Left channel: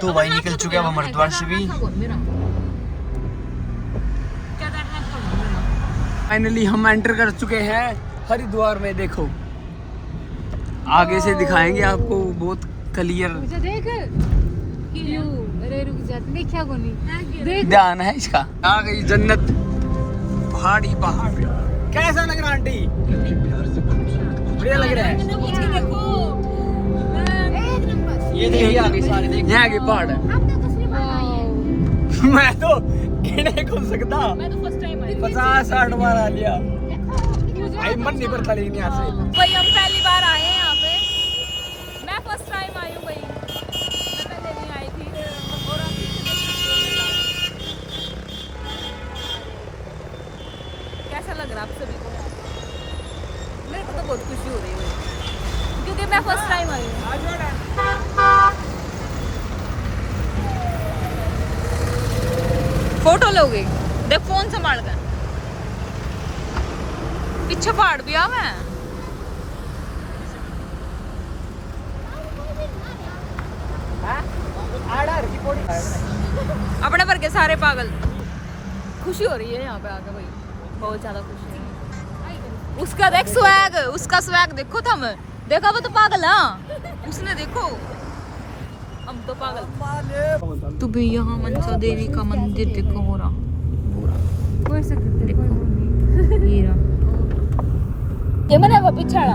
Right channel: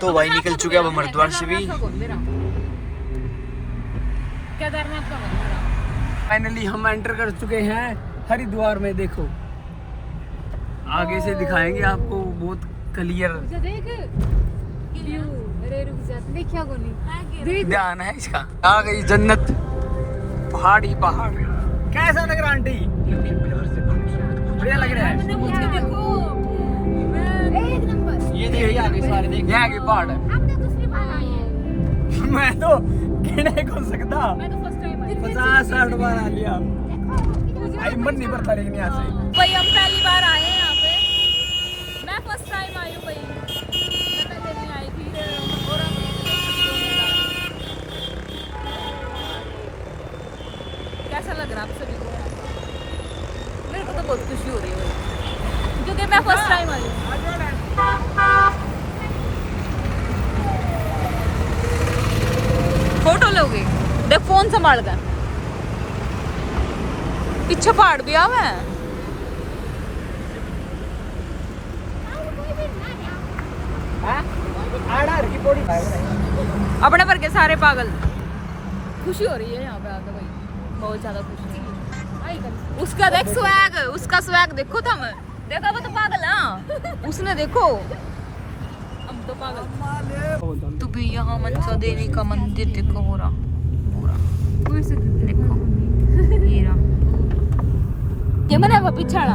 तो भाई निकल चुके अब हम हरिद्वार से भी। फाइनली हम एंटर कर चुके हैं हरिद्वार में। देखो आगे से दिखाएंगे आपको बहुत क्लियर। ध्यान है इसका। आ गई जन्नत, पहाड़ ही पहाड़। कैसा लग रहा आंटी? बढ़िया लग रहा है। ये देखिए आगे सारे देखिए, यहाँ के पहाड़ है। मैं तो गिने कौन सकता, 50-60 बार आ लिया। आई मन नहीं पड़ता लेकिन यहाँ से भाई हम पहली बार आए हैं यहाँ पे। मैं फर्स्ट टाइम आई हूँ भाई, मैं पहले नहीं आई थी। और हम कैसा लग रहा है आप सभी को यहाँ पे? मेरे को तो बहुत खुशी हो रही है भाई, क्योंकि मैं फर्स्ट टाइम आई हूँ। फोटो लोगे? देख फोन संभाल कर, पीछे पहाड़ भी आवे हैं। अपने पर के सारे पागल। खुशी हो रही है यहाँ पे आकर भाई, बहुत ज्यादा खुशी है। उसका देख स्वैग, उसका स्वैग देखो तुम। देखा वो तो पागल है, उसने देखो, हम तो पागल। तो भाई यहाँ मनसा देवी का मंदिर देखो हो रहा पूरा। देखो ये रहा, ये मैंने वो पिछड़ा।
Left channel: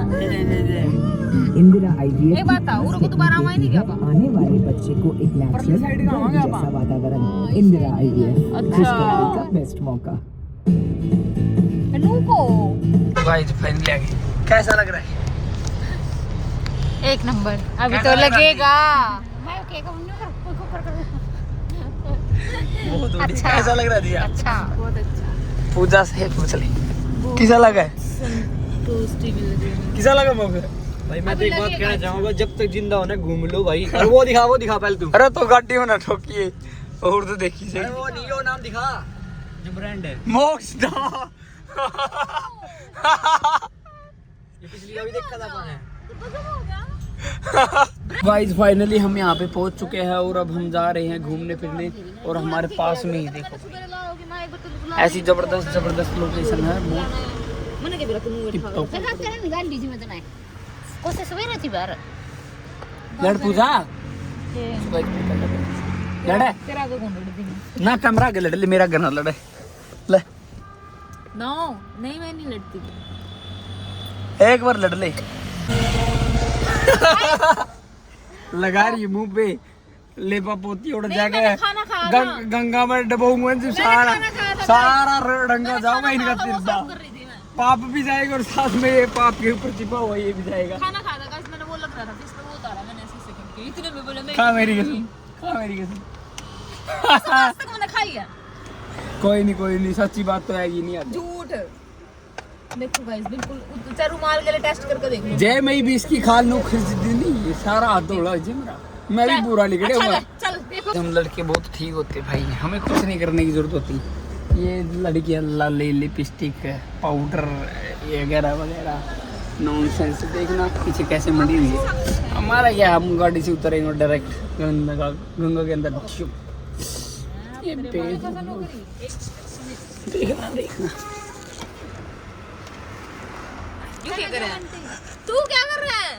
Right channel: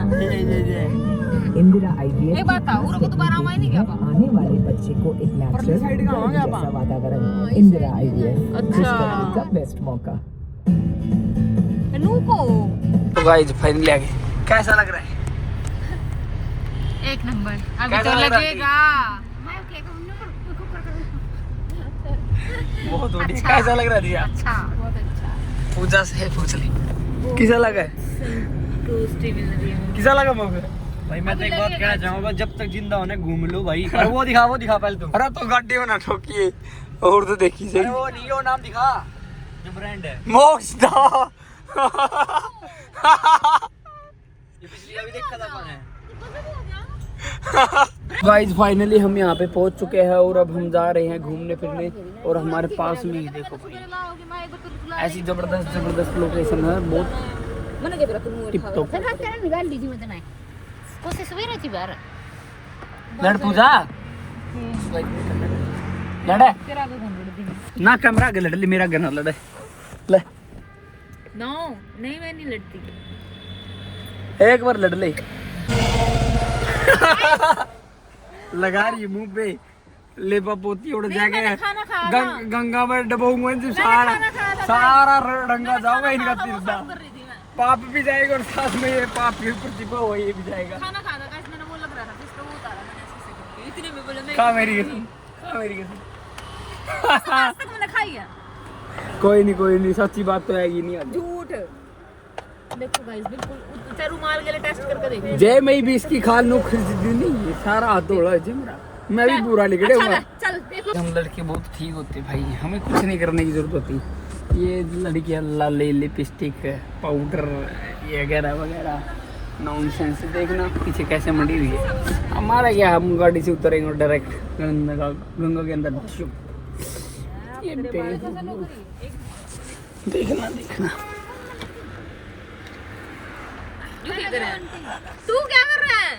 इंदिरा आईवीएफ एक बात था, को दोबारा आवाज नहीं क्या आने वाले बच्चे को एक नेचुरल जैसा वातावरण। इंदिरा आईवीएफ अच्छा का बेस्ट मौका। नू को तो गाइस फाइनली आ गए। कैसा लग रहा है? एक नंबर। अभी कैसा तो लग रहा है? लगेगा। अच्छा। कैसा लग रहा है? अच्छा, बहुत अच्छा। पूजा से पूछ ले कैसा लगा? संतुष्टि मिल रही है। कैसा लगा मुझे? भाई मैं तो एक बात कहना चाहूंगा, जब तक जिंदा होने घूम लो भाई। वो दिखा पहले तू। अरे तो गाड़ी में ना ठोकिए और तो देखी सही। वो डीओ नाम दिखा, जो ब्रांड है। मोक्ष दा ये पिछली अभी देखा था मैंने। गाइस फाइनली हम यहाँ पे पहुँच चुके हैं और अब हम जा रहे हैं घूमने फिरने। और हमारे पास में ही देखो ऐसी जबरदस्त लोकेशन है, बहुत मैंने क्या बोला टिप टॉप। तो से सवेरे थी बाहर लड़ पूजा लड़े तेरा को कौन लड़ती है? ना कैमरा आगे लड़ ले, मेरा घर ना लड़े ले। नो नहीं, मैं नहीं लड़ती। एक बार लड़ ले लगा रही है मुंह पे लेपा पोती उड़ जाके खाना खाया गंगा में डबोऊंगा सारा रंगा जाऊंगा इनका तिरदा। कर रही थी मैं, पाप भी जाएगा और साथ में ये पाप के ऊपर छिपा हुआ ये भी जाएगा। खाना खा था गाइस। मैंने वो लग रहा था जिस पे वो उतारा, मैंने ऐसे करके इतने में बोला मैं खा मेरी कसम, खा मेरी कसम। आज तक मैंने खाई है। कोई नहीं सच्ची बात तो आएगी नहीं आज। झूठ। देखो गाइस बिल्कुल चार रुमाल के लिए टेस्ट करके देखो। जय मैं भी इसकी खाल नु खरीदी नहीं, ये सारा हाथ धोड़ा है मेरा। मैं भी पूरा लिखड़े हुआ। चल देखो, हम लड़के बहुत ठीक होते भाई, हमें कुछ नहीं करने की जरूरत होती। ये लड़कियां लाली लिपस्टिक पाउडर ये वगैरह वगैरह नॉनसेंस। देखना पीछे कैसे मंडी हुई है। हमारा क्या, हम गाड़ी से उतरेंगे डायरेक्ट गंगा के अंदर। ये देखना तू क्या कर रहा है?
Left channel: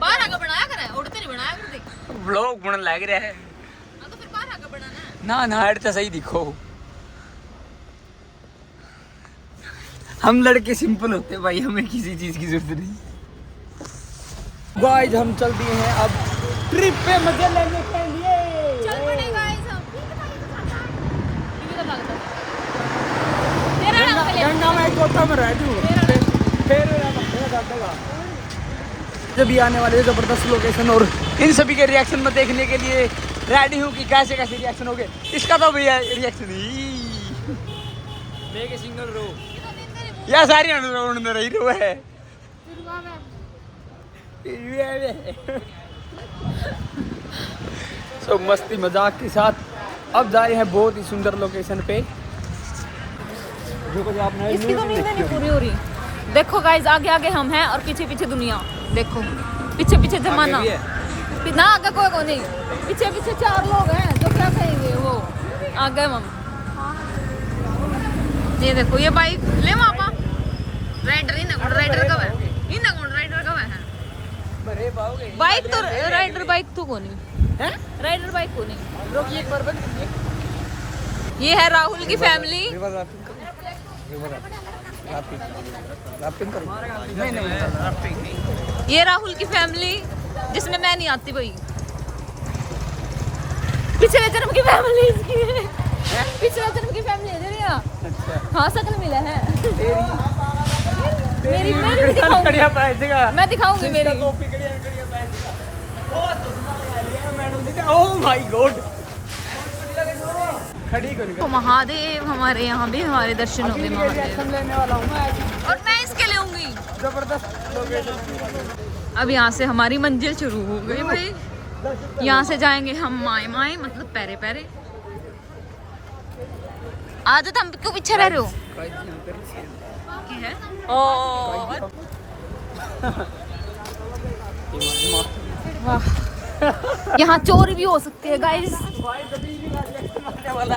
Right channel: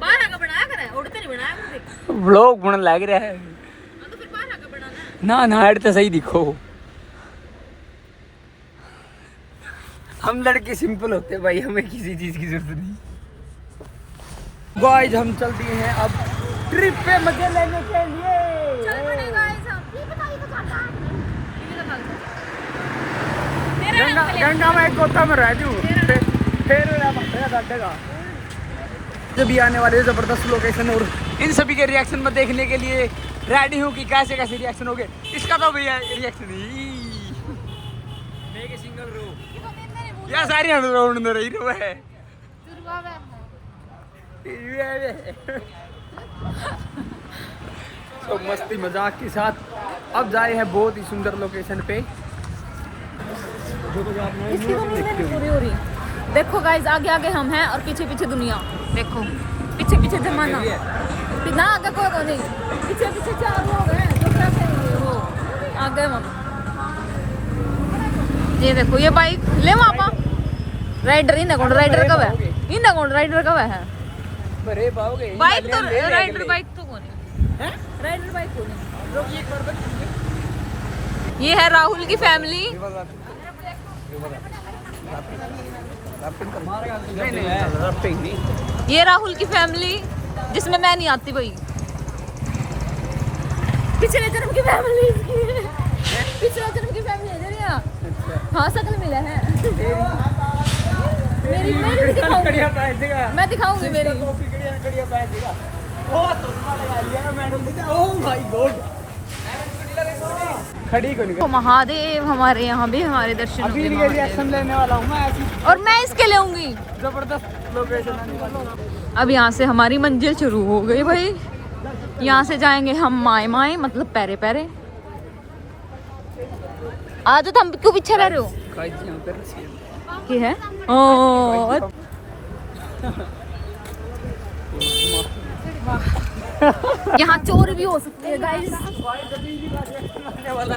बारह का बनाया कर, उड़ते नहीं बनाया कर। देख व्लॉग बन लग रहा है तो फिर बारह का बनाना ना हेड तो सही दिखो। हम लड़के सिंपल होते भाई, हमें किसी चीज की जरूरत नहीं। गाइस हम चल दिए हैं अब ट्रिप पे मजे लेने के लिए। चल पड़े गाइस हम। ये तो भागता गंगा में एक गोता में रह जू फिर जब भी आने वाले जबरदस्त लोकेशन और इन सभी के रिएक्शन में देखने के लिए रेडी हूँ कि कैसे कैसे रिएक्शन हो गए। इसका तो भैया रिएक्शन ही सिंगल रो या सारी अंदर रही रो है। तो मस्ती मजाक के साथ अब जाए हैं बहुत ही सुंदर लोकेशन पे। इसकी तो नींद नहीं पूरी हो रही। देखो गाइस आगे आगे हम हैं और पीछे पीछे दुनिया। देखो पीछे पीछे जमाना। ना आगे कोई को नहीं, पीछे पीछे 4 लोग हैं जो क्या कहेंगे वो आगे मम। ये देखो ये बाइक ले वहाँ राइडर इन कौन राइडर कब है, इन कौन राइडर कब है बाइक तो राइडर बाइक तो कौन राइडर बाइक कौन है। ये है राहुल की फैमिली। ये राहुल की फैमिली जिसमें मैं नहीं आती भाई। पिछले जन्म की फैमिली इसकी है, पिछले जन्म की फैमिली है तेरी। हाँ शकल मिला है मेरी भी दिखाऊंगी, मैं दिखाऊंगी मेरी। Oh my God. तो महादेव हमारे यहाँ भी हमारे दर्शन होंगे महादेव, और मैं इसके लेऊंगी। जबरदस्त लोकेशन। अब यहाँ से हमारी मंजिल शुरू हो गई भाई। यहाँ से जाएंगे हम माए माए मतलब पैरे पैरे। आज तो हम क्यों पीछे रह रहे हो। ये है यहाँ चोरी भी हो सकती है गाइस,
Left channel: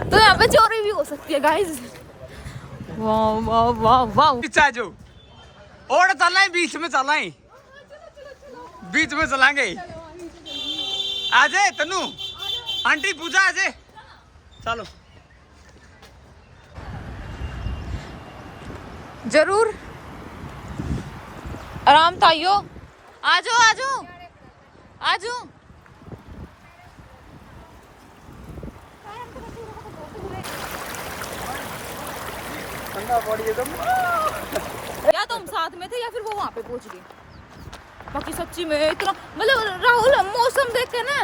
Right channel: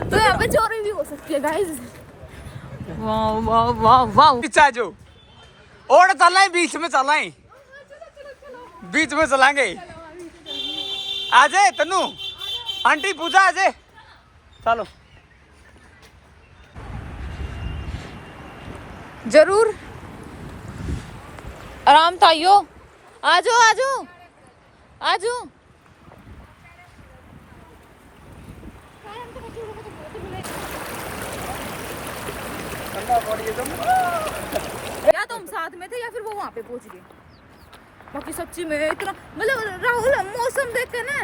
तो यहाँ पे चोरी भी हो सकती है गाइस। वाह वाह वाह वाह। पीछे जो और चलना है, बीच में चलना है, बीच में चलाएंगे। आ जाए तनु आंटी पूजा आ जाए। चलो जरूर आराम था यो। आजो आजो आजो। या तुम साथ में थे या फिर वो वहाँ पे पहुँच गए। बाकी सच्ची में इतना मतलब राहुल मौसम देख के ना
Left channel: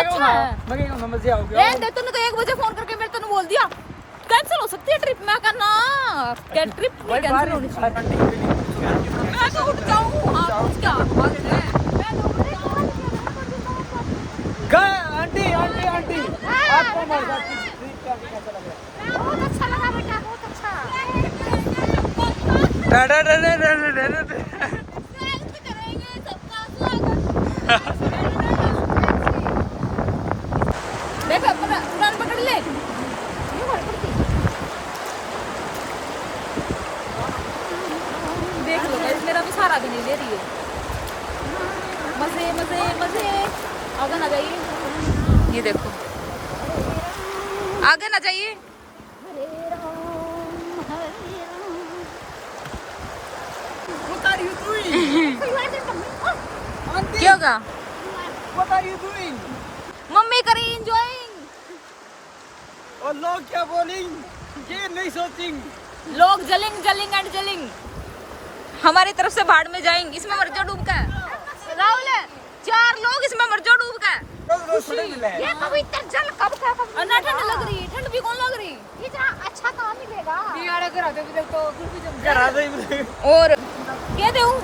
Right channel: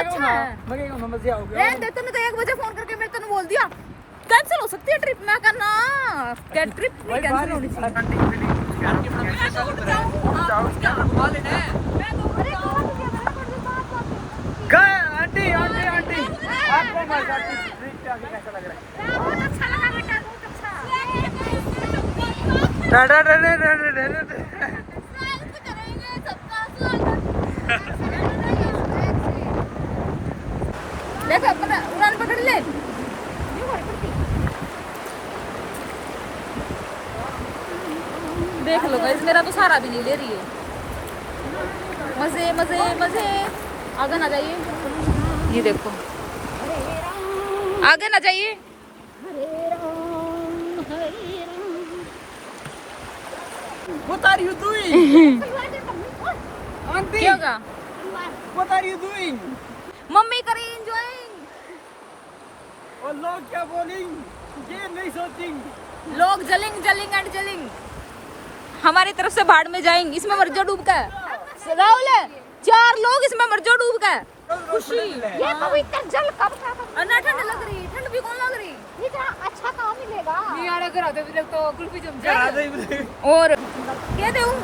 अच्छा है। रहने दे, तूने तो 1 बजे फोन करके मेरे तने बोल दिया कैंसिल हो सकती है ट्रिप। मैं कहना क्या ट्रिप नहीं कैंसिल होनी चाहिए। आंटी आंटी आंटी आपको हमारे साथ ट्रिप पे आके कैसा लग रहा है? बहुत अच्छा लगा बेटा, बहुत अच्छा। देखो अपना उड़ान पकड़ ले। देख लो गाइस मेरा तो सारा भी नहीं ले रही है। मजे मजे मजे। आगे ना जाइए, ये देखो आगे ना जाइए। What are you doing? क्या होगा? What are you doing? Mummy करी एंजॉयिंग। और लोग क्या बोलेंगे? ये नहीं सोचेंगे। लोग जलिंग जलिंग एंड जलिंग हमारी तरफ से भाड़ में जाएंगे। इसमें मर जो डूब का राहुल है, 4 लोग इसमें मर जो डूब का। खुशी ये तो इतने जल कब क्या अन्ना ठंड लग रही है, ठंड भी कौन लग रही है। इतना अच्छा कहाँ मिलेगा। करा दे। और क्या दूं?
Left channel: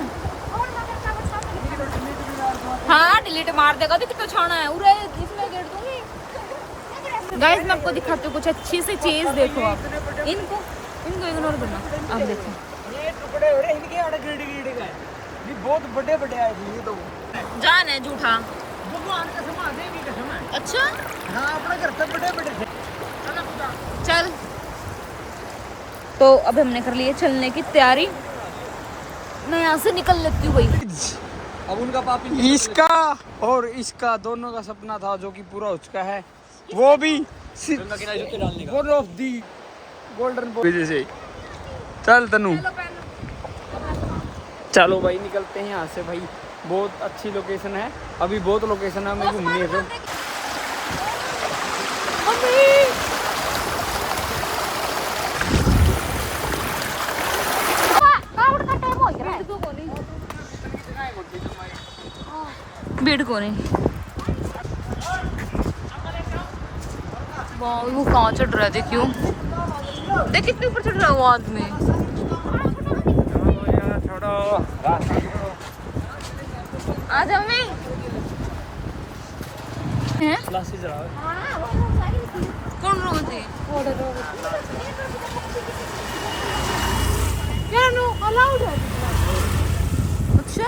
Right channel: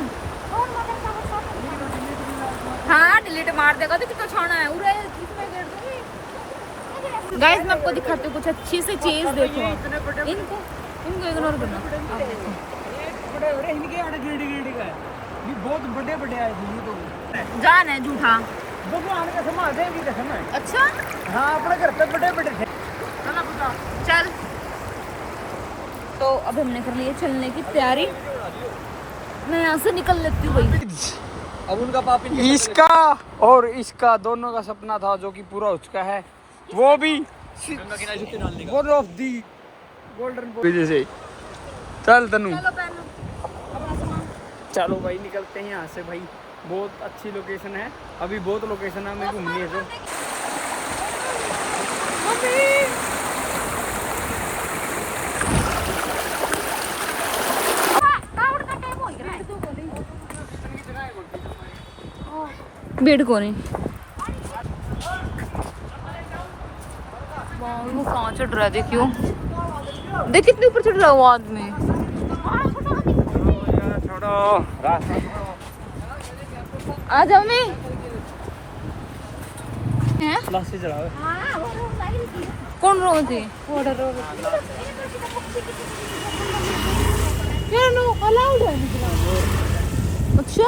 हाँ डिलीट मार देगा तो कितना छाना है उरे इसमें गेट दूंगी। गाइस मैं आपको दिखाती हूँ कुछ अच्छी सी चीज। देखो आप इनको इग्नोर करना। अब देखो बड़े हो रहे इनके आड़े गिड़ का ये बहुत बड़े बड़े है ये तो जान है झूठा। भगवान का समा देव की कसम है। अच्छा हाँ अपने घर पे बड़े बड़े हैं। चल तो अब हमने कर लिए चलने की तैयारी। मैं यहाँ से निकल लेती हूँ भाई। अब उनका पाप इसका और इसका दोनों का सपना था जो कि पूरा हो चुका है। वो भी वन ऑफ दी गोल्डन वजह से। चल तनु चलो भाई निकलते हैं यहाँ से भाई। बहुत अच्छी लोकेशन है, अभी बहुत लोकेशन है हमें घूमने से। बेड को नहीं वो कहाँ चढ़ रहा है। देखियो देख कितने ऊपर चढ़ रहा है वो आदमी। छोड़ो आ जाओ मैं हैं कौन रो थी अच्छा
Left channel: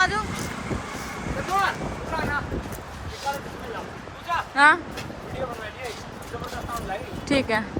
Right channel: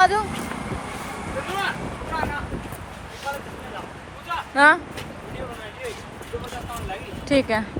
आ जाओ। हाँ ठीक है।